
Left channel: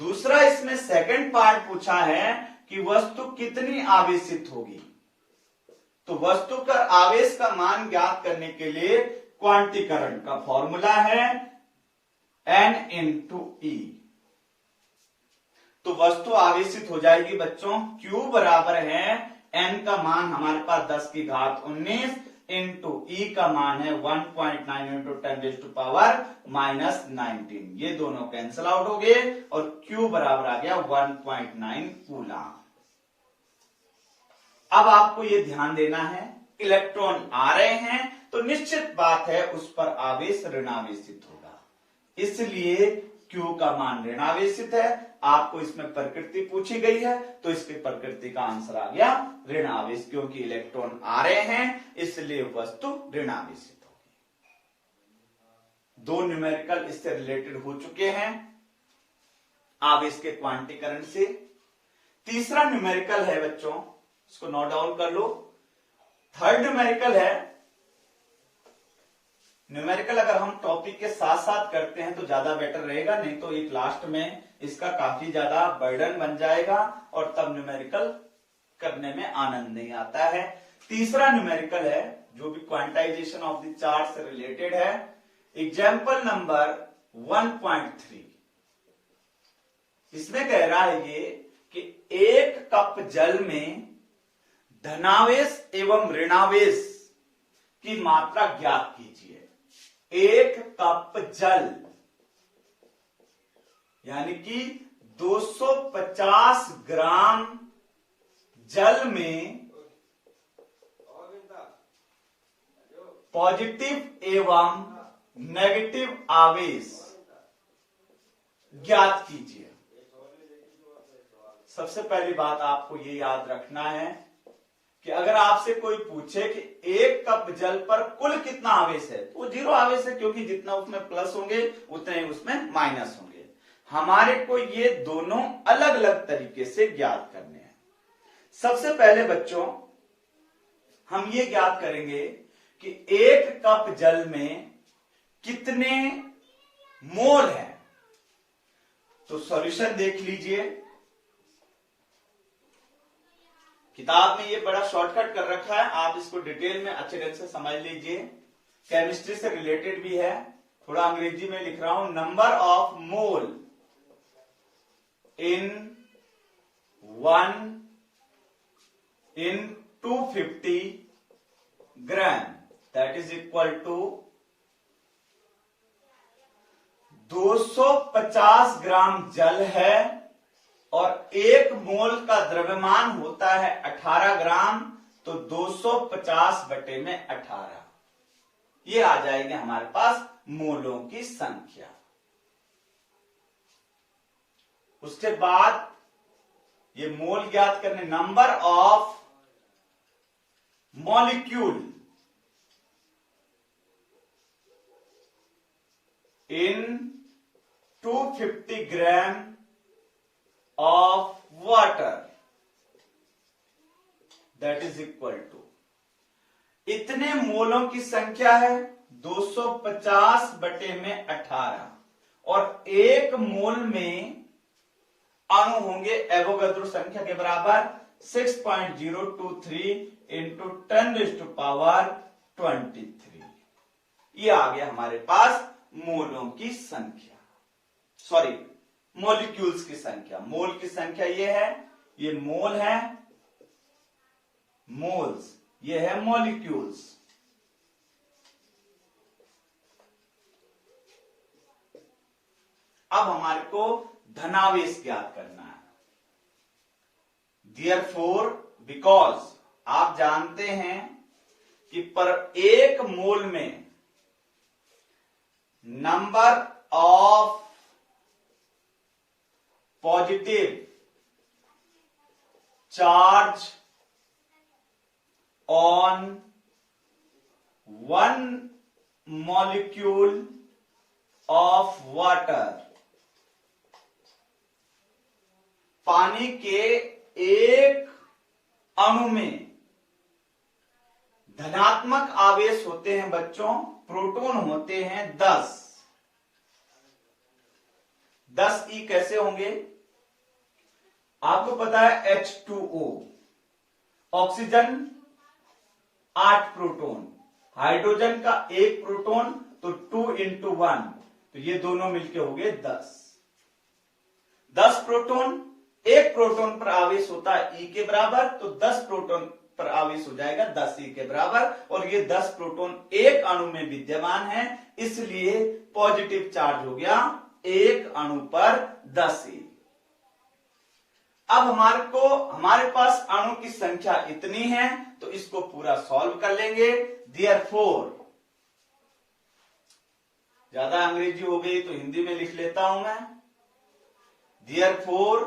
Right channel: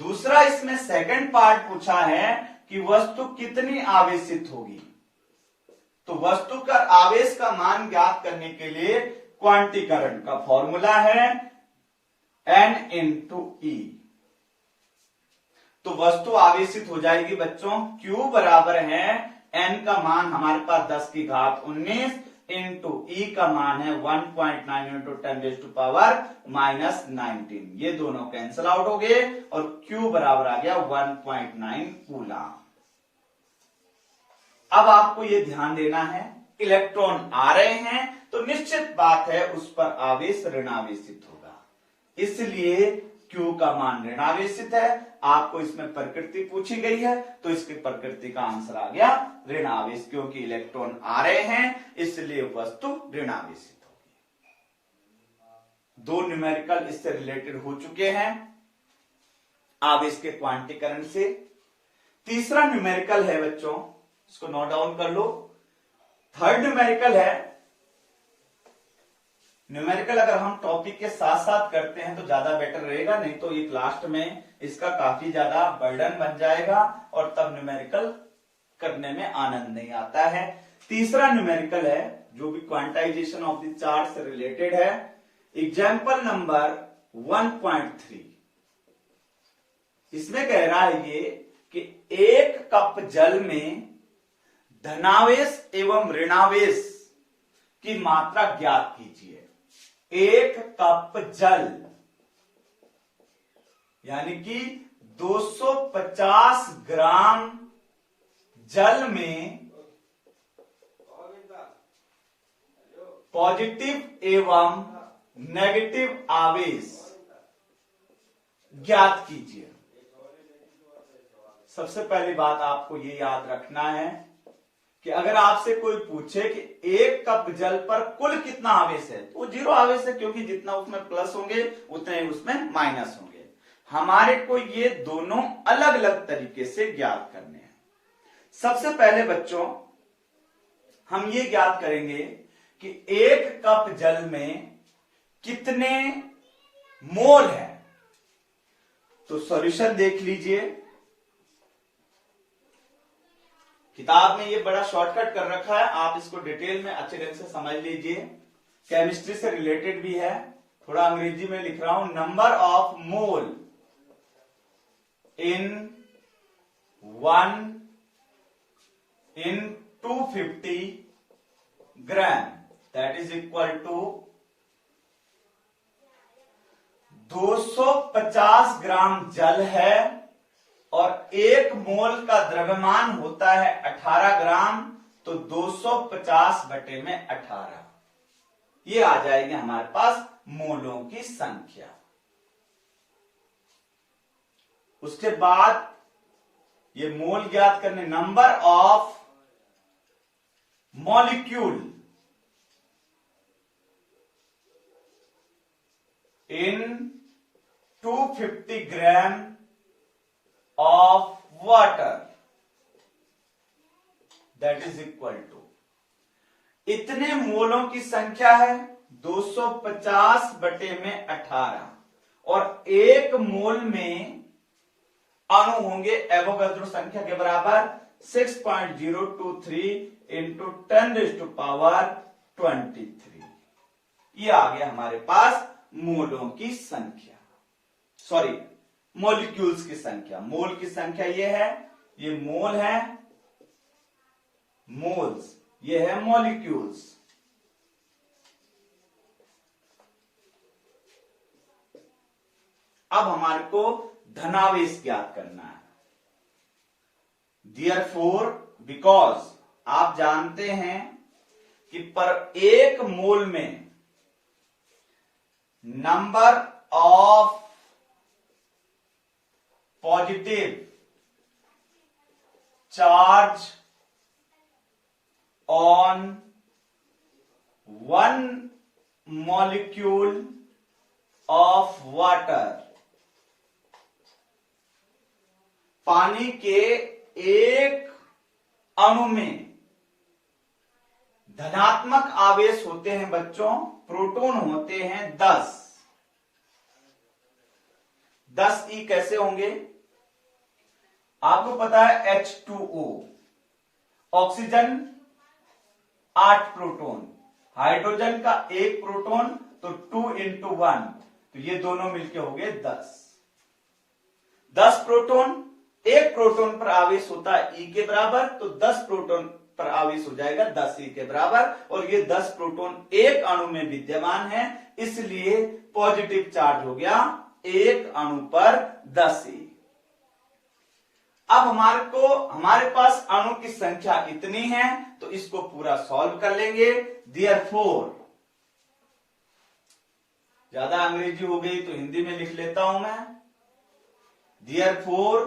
दूसरा इसमें सेकंड पार्ट पूछा है कि वस्तु कितनी आवेशित होगी। तो वस्तु का आवेश का मान ज्ञात करने के लिए क्वांटीकरण का फॉर्मूला है n इंटू ई। तो वस्तु आवेशित हो जाएगी बच्चों, Q बराबर है n का मान हमारे पास 10⁻19 इंटू ई का मान है 1.9 इंटू 10⁻⁻19। ये दोनों कैंसिल आउट हो गए और Q बराबर आ गया 1.9 कूलम। अब आपको ये ध्यान देना है, इलेक्ट्रॉन आ रहे हैं तो निश्चित बात है उस पर आवेश ऋणावेशित होगा, इसलिए Q का मान ऋणावेशित है। आपको इसमें प्रकृति पूछी गई है तो इसकी प्रकृति का आंसर आ गया ऋणावेश, क्योंकि इलेक्ट्रॉन आ रहे हैं इसलिए वस्तु ऋणावेशित होगी। दो न्यूमेरिकल इससे रिलेटेड हो चुके हैं आवेश के क्वांटीकरण से। तीसरा न्यूमेरिकल है बच्चों, इसको नोट डाउन कर लो। थर्ड न्यूमेरिकल है। न्यूमेरिकल अगर हम टॉपिक के साथ साथ करते हैं तो ज्यादा बेटर रहेगा, नहीं तो एक लास्ट में इसका काफी ज्यादा बर्डन बन जाएगा और तब न्यूमेरिकल करने में आनंद नहीं आता है। तीसरा न्यूमेरिकल है जो भी क्वांटाइजेशन ऑफ द चार्ट से रिलेटेड है। एग्जाम्पल नंबर 1.3, इसमें कह रहा है ये कि एक कप जल में धनावेश एवं ऋणावेश की मात्रा ज्ञात कीजिए। एक कप जल यानी कि 250 ग्राम जल में पॉजिटिव एवं नेगेटिव आवेश ज्ञात कीजिए। सबसे पहली बात आपको ये याद रखना है कि अगर आपसे कोई पूछे कि 1 कप जल पर कुल कितना आवेश है, तो 0 आवेश है, क्योंकि जितना उसमें प्लस होंगे उतने ही उसमें माइनस होंगे। हमारे को ये दोनों अलग अलग तरीके से ज्ञात करने हैं। सबसे पहले बच्चों हम ये ज्ञात करेंगे कि 1 कप जल में कितने मोल है। तो सॉल्यूशन देख लीजिए, किताब में ये बड़ा शॉर्टकट कर रखा है, आप इसको डिटेल में अच्छे ढंग से समझ लीजिए। केमिस्ट्री से रिलेटेड भी है, थोड़ा अंग्रेजी में लिख रहा हूं। Number of mole in 250 gram, that is equal to 250 gram जल है और 1 मोल का द्रव्यमान होता है 18 ग्राम, तो 250 बटे में 18, ये आ जाएगी हमारे पास मोलों की संख्या। उसके बाद ये मोल ज्ञात करने, number of molecule in 250 gram of water, that is equal to, इतने मोलों की संख्या है 250 बटे में 18, और 1 मोल में अणु होंगे एवोगाद्रो संख्या के बराबर 6.023 इंटू 10⁻23। ये आ गया हमारे पास मोलों की संख्या, सॉरी मॉलिक्यूल्स की संख्या। मोल की संख्या ये है, ये मोल है, मोल्स, ये है मॉलिक्यूल्स। अब हमारे को धनावेश ज्ञात करना है। Therefore, बिकॉज आप जानते हैं कि पर 1 मोल में number of positive charge on 1 molecule of water, पानी के 1 अणु में धनात्मक आवेश होते हैं बच्चों, प्रोटॉन होते हैं 10 ई कैसे होंगे आपको पता है, H2O, ऑक्सीजन 8 प्रोटॉन, हाइड्रोजन का 1 प्रोटॉन, तो 2 × 1, तो ये दोनों मिलके हो गए 10 प्रोटॉन, 1 प्रोटॉन पर आवेश होता है E के बराबर, तो 10 प्रोटॉन पर आवेश हो जाएगा 10 E के बराबर, और ये 10 प्रोटॉन 1 अणु में विद्यमान है, इसलिए पॉजिटिव चार्ज हो गया 1 अणु पर 10 E। अब हमारे पास अणु की संख्या इतनी है, तो इसको पूरा सॉल्व कर लेंगे। Therefore, ज्यादा अंग्रेजी हो गई तो हिंदी में लिख लेता हूं मैं। Therefore,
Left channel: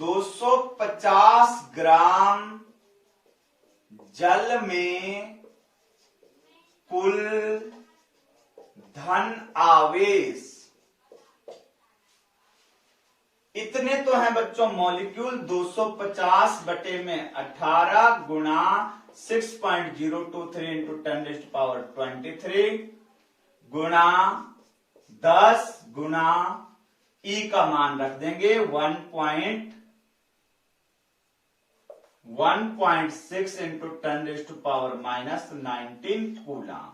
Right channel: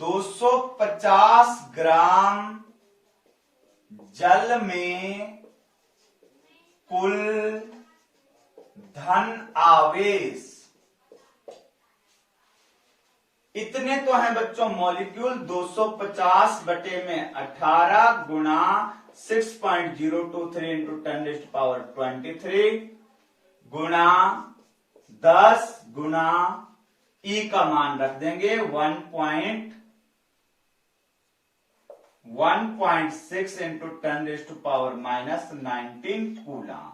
250 ग्राम जल में कुल धन आवेश, इतने तो हैं बच्चों मॉलिक्यूल, 250 बटे में 18 गुणा 6.023 इंटू 10⁻23 गुणा 10 गुणा E का मान रख देंगे 1.6 इंटू 10⁻⁻19 कूलम।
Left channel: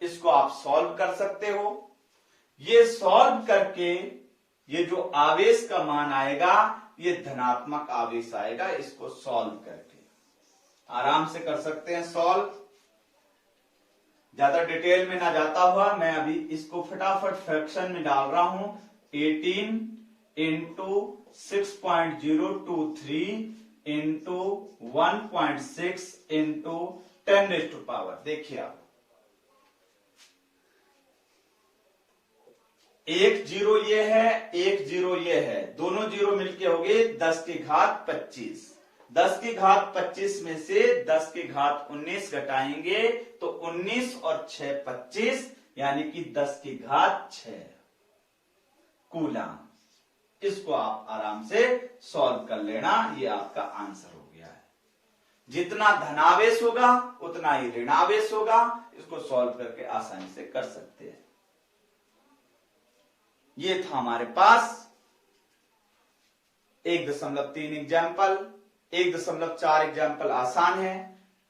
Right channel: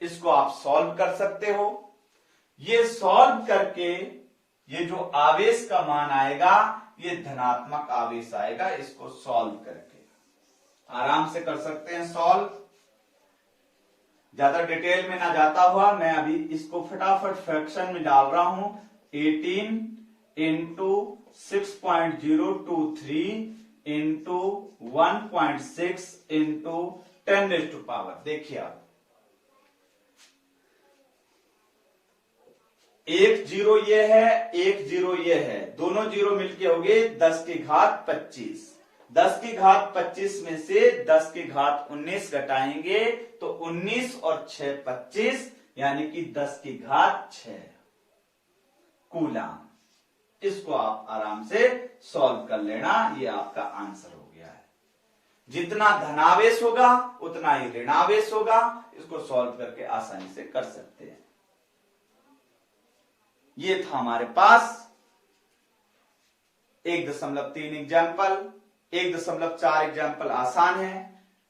इसको आप सॉल्व कर सकते हो। ये सॉल्व करके ये जो आवेश का मान आएगा ये धनात्मक आवेश आएगा। इसको सॉल्व करके आराम से कर सकते हैं सॉल्व, ज्यादा डिटेल में ना जाता हुआ मैं अभी इसको फटाफट फ्रैक्शन में डाल रहा हूं। 18 इंटू 6.023 इंटू 1.6 इंटू 10⁻, देखिए आप 1 0 ये है, 1 0 ये है, दोनों जीरो मिलके हो गए 10 की घात 25। 10 की घात 25 में से 10 की घात 19 घटाएंगे तो 19 और 6 25, यानी कि 10 की घात 6 कूलाम। इसको आप आराम से सॉल्व कर लेना, ये आपका आंसर हो गया है। जितना धनावेश होगा उतना ही ऋणावेश होगा, इसको सॉल्व करके आसानी से कर सकते हैं। ये था हमारे पास 1.3 एग्जाम्पल, 1.4 एग्जाम्पल आसान है,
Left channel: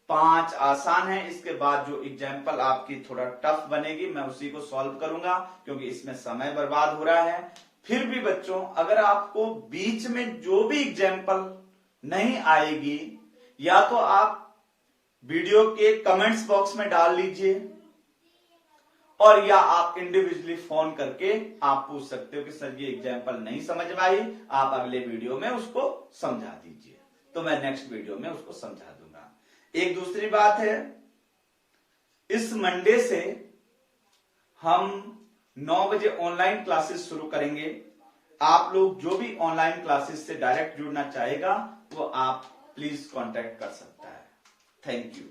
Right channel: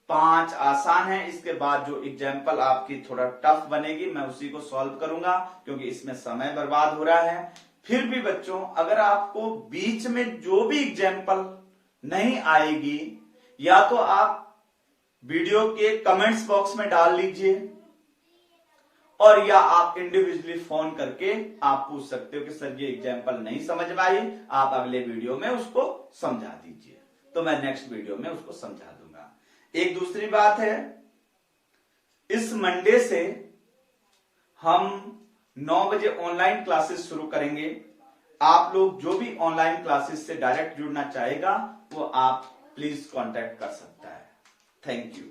5 आसान है। इसके बाद जो एग्जाम्पल आपकी थोड़ा टफ बनेगी मैं उसी को सॉल्व करूंगा, क्योंकि इसमें समय बर्बाद हो रहा है। फिर भी बच्चों, अगर आपको बीच में जो भी एग्जाम्पल नहीं आएगी, या तो आप वीडियो के कमेंट्स बॉक्स में डाल लीजिए, और या आप इंडिविजुअली फोन करके आप पूछ सकते हो कि सर ये एग्जाम्पल नहीं समझ में आई, आप अगले वीडियो में उसको समझा दीजिए, तो मैं नेक्स्ट वीडियो में उसको समझा दूंगा। एक दूसरी बात है, इस मंडे से हम 9 बजे ऑनलाइन क्लासेस शुरू करेंगे। आप लोग जो भी ऑनलाइन क्लासेस से डायरेक्ट जुड़ना चाहेगा वो आप प्लीज कांटेक्ट कर सकता है। Thank you.